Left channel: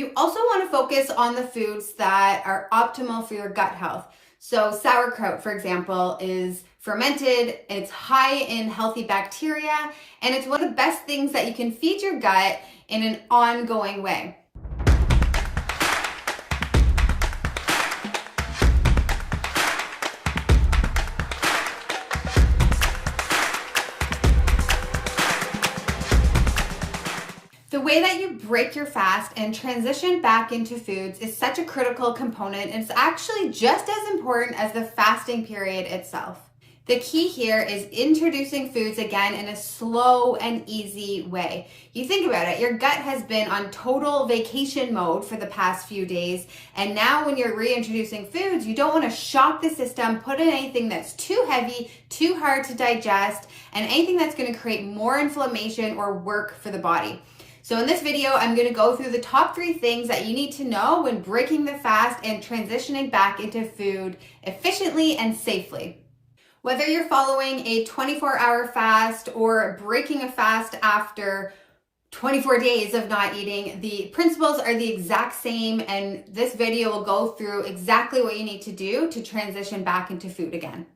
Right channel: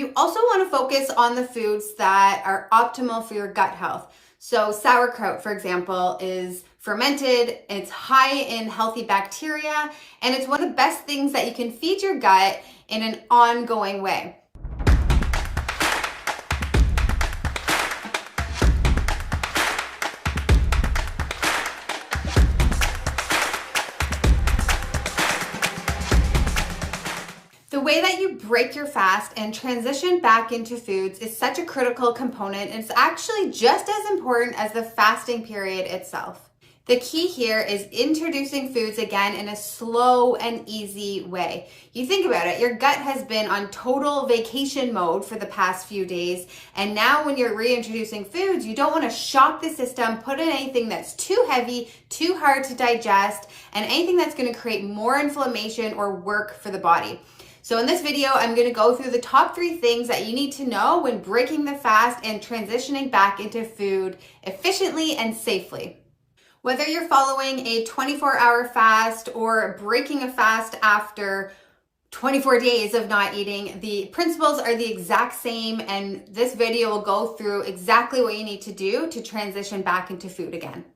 You also want to focus on the foods that are optimal for your gut health. So sauerkraut, for example, is fermented, it's high in healthy bacteria, and it's one of the best things that you can feed your gut in an ongoing way. The way that you break your fast and transition back into foods is such a critical component, and it's actually just as important as the fasting period itself. The key here is introducing foods again in a slow and easy way. You think about it, your gut has been on total vacation mode for the past few days, and now when you're reintroducing foods, you don't want to shock the system, put in anything that's too heavy, too hard to digest, and anything that's going to create more inflammation or work for the body. So in this video, I'm going to go through the top 3 things that you need to know when breaking the fast and transitioning back into food efficiently and safely. Whether you're following a 24-hour fast or breaking a fast after 24 days of not eating, the principles are the exact same, and this video will go through exactly what you need to do to transition back into food again.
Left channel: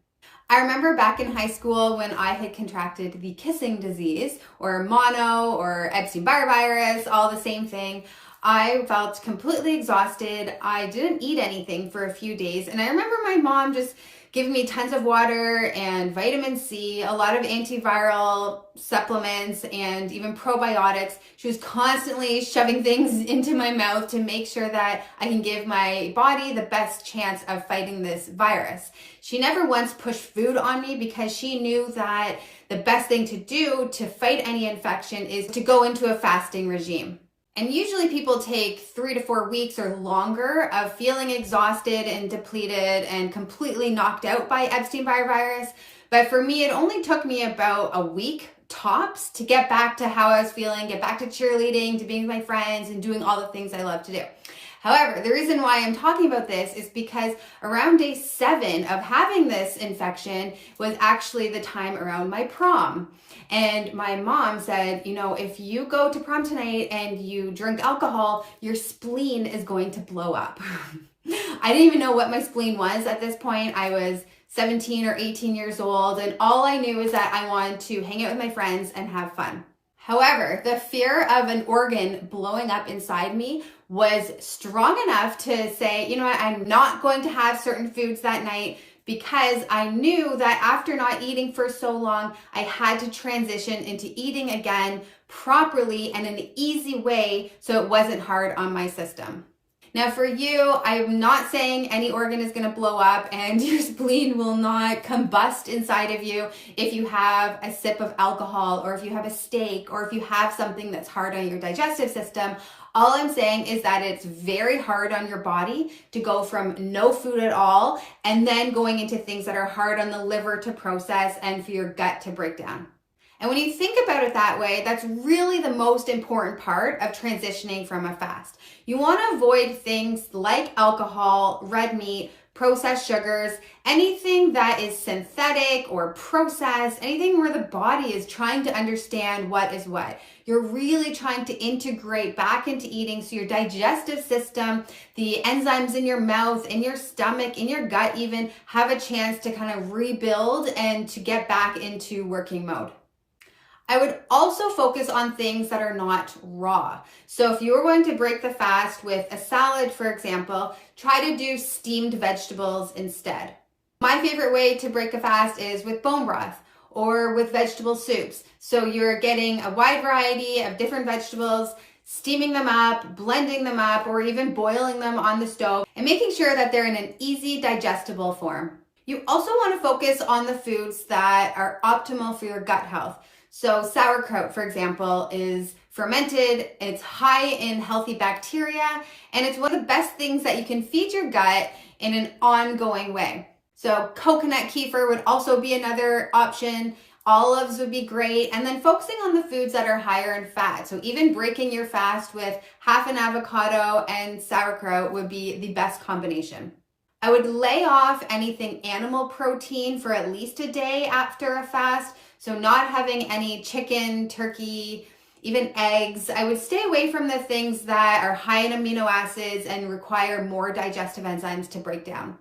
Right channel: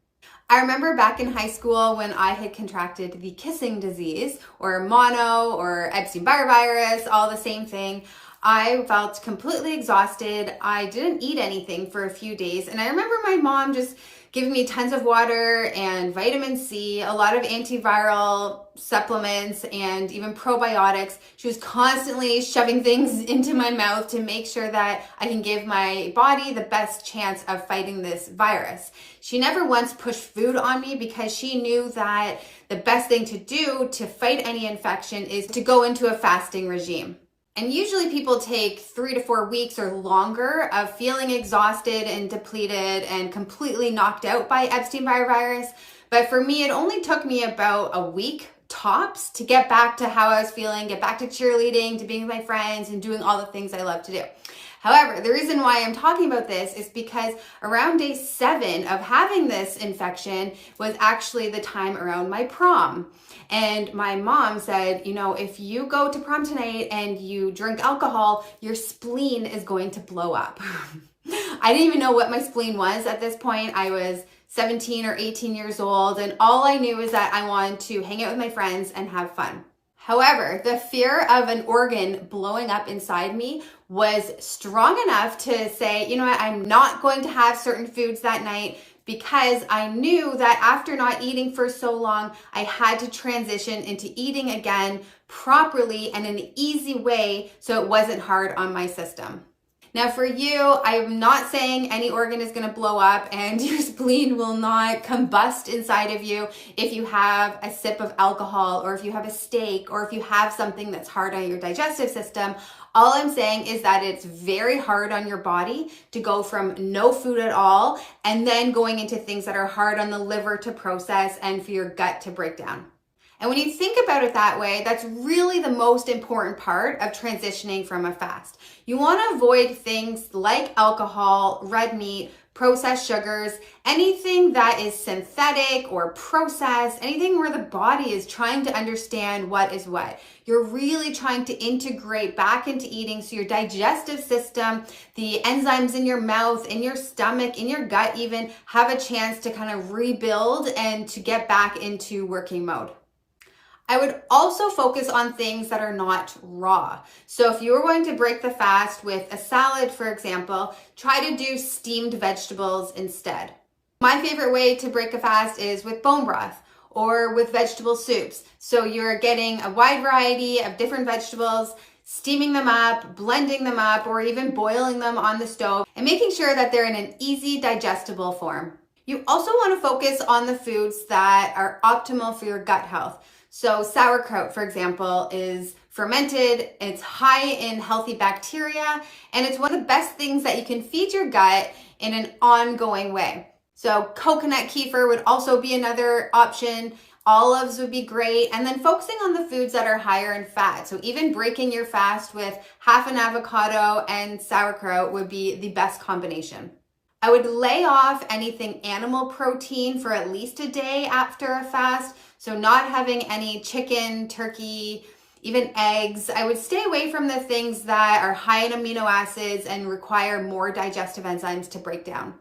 I remember back in high school when I had contracted the kissing disease, or mono, or Epstein-Barr virus, all the same thing. I felt completely exhausted. I didn't eat anything for a few days, and I remember my mom just giving me tons of water and vitamin C, a lot of antiviral supplements, and even probiotics. She was constantly shoving things into my mouth to make sure that I can give my body the best chance of fighting this virus. She never once pushed food on me because she knew that the best thing to do to fight any infection is to go into a fasting regime. And usually people take 3 to 4 weeks or longer of feeling exhausted and depleted and completely knocked out by Epstein-Barr virus. But for me, it only took me about a week tops to get back to how I was feeling, get back to cheerleading, to being with my friends and doing all the things I love to do. However, the reason why I'm talking about this is because around day 7 of having this infection was actually the time around my prom. And my mom said, you know, if you go to prom tonight and you drink alcohol, your spleen is going to blow up. I didn't even know what my spleen was at this point. I was 17 or 18 years old, and all I knew is that I wanted to hang out with my friends and have fun. However, the fear of an organ blowing up inside me was strong enough to say, you know what, I'm not going to have certain foods that night, because I knew that after not eating for so long, I had to transition into eating again properly and in an easy way so it wasn't hard on my system. Now for you, I'm not saying any organ is going to blow up and your spleen will not combust inside of you if you have a sip of alcohol, or if you have a steak, or if you have something that's hard on your digestive system. All I'm saying is that it's very hard on your body to go from no food at all and then going into things that are hard on the liver to process and for your gut to break down. And when you think about it that way, that's really the most important part of transitioning from a fast. You want to avoid things like alcohol, red meat, processed sugars, anything that is synthetic or processed, anything where the body is trying to understand what is what. You're really trying to integrate back into eating so your digestive system, the enzymes in your mouth, in your stomach, in your gut even, have a chance to kind of rebuild and to get back into working mode. I would also focus on things that are not raw. So if you were going to break the fast with a salad, for example, try to do steamed vegetables instead. My favorite way to break a fast is with bone broth or with vegetable soups. So you're getting a wide variety of different vegetables, steaming them up, blending them up, or even boiling them on the stove and making sure that they're in an easy digestible form. You also want to focus on the foods that are optimal for your gut health. So sauerkraut, for example, is fermented, it's high in healthy bacteria, and it's one of the best things that you can feed your gut in an ongoing way. So coconut kefir would also be another option. Olives would be great. And then focusing on the foods that are higher in fat. So even breaking your fast with half an avocado and sauerkraut would be the best combination. I would lay off anything animal protein for at least a day after a fast. So not having any chicken, turkey, even eggs. I would stay away from the things that are high in amino acids and require more digestive enzymes to break down.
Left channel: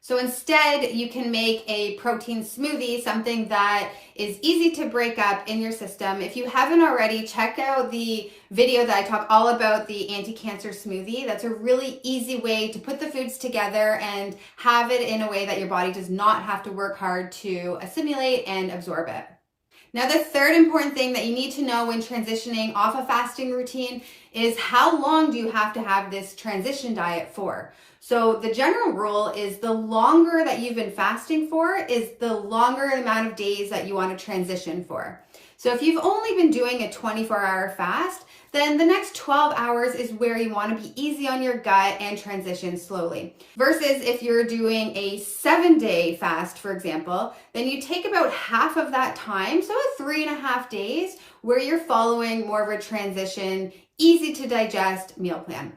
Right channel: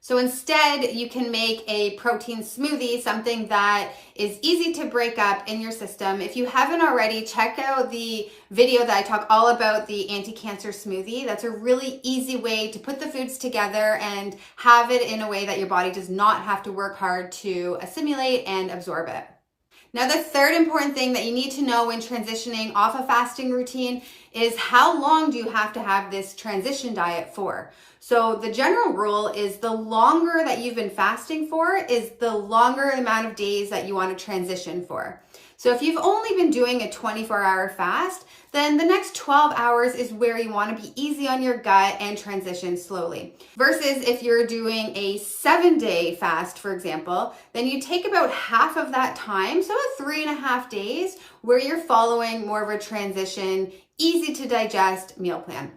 So instead, you can make a protein smoothie, something that is easy to break up in your system. If you haven't already, check out the video that I talk all about the anti-cancer smoothie. That's a really easy way to put the foods together and have it in a way that your body does not have to work hard to assimilate and absorb it. Now, the third important thing that you need to know when transitioning off a fasting routine is how long do you have to have this transition diet for? So the general rule is the longer that you've been fasting for is the longer amount of days that you want to transition for. So if you've only been doing a 24-hour fast, then the next 12 hours is where you want to be easy on your gut and transition slowly. Versus if you're doing a 7-day fast, for example, then you take about half of that time, so 3.5 days, where you're following more of a transition, easy to digest meal plan.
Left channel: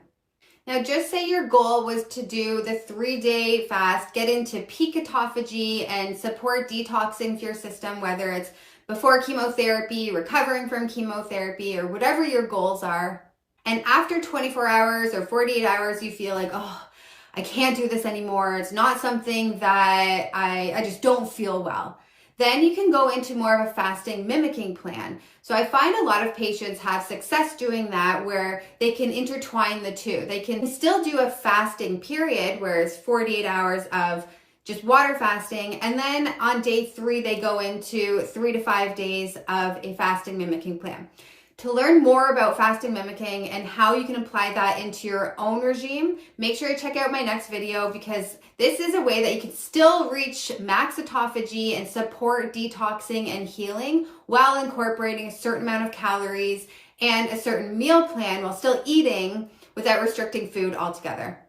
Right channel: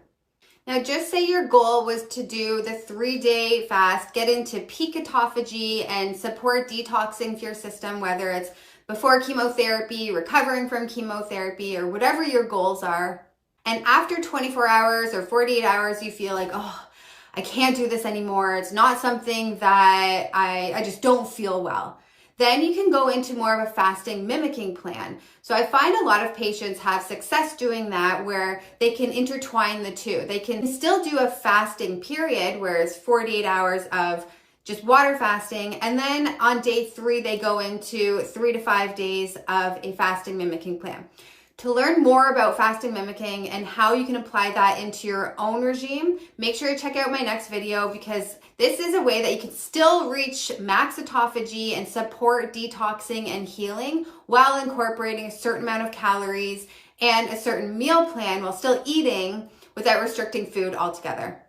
Now, just say your goal was to do the 3-day fast, get into peak autophagy and support detoxing your system, whether it's before chemotherapy, recovering from chemotherapy, or whatever your goals are. And after 24 hours or 48 hours, you feel like, oh, I can't do this anymore. It's not something that I just don't feel well. Then you can go into more of a fasting mimicking plan. So I find a lot of patients have success doing that where they can intertwine the two. They can still do a fasting period where it's 48 hours of just water fasting. And then on day 3, they go into 3 to 5 days of a fasting mimicking plan. To learn more about fasting mimicking and how you can apply that into your own regime, make sure to check out my next video because this is a way that you can still reach max autophagy and support detoxing and healing while incorporating a certain amount of calories and a certain meal plan while still eating without restricting food altogether.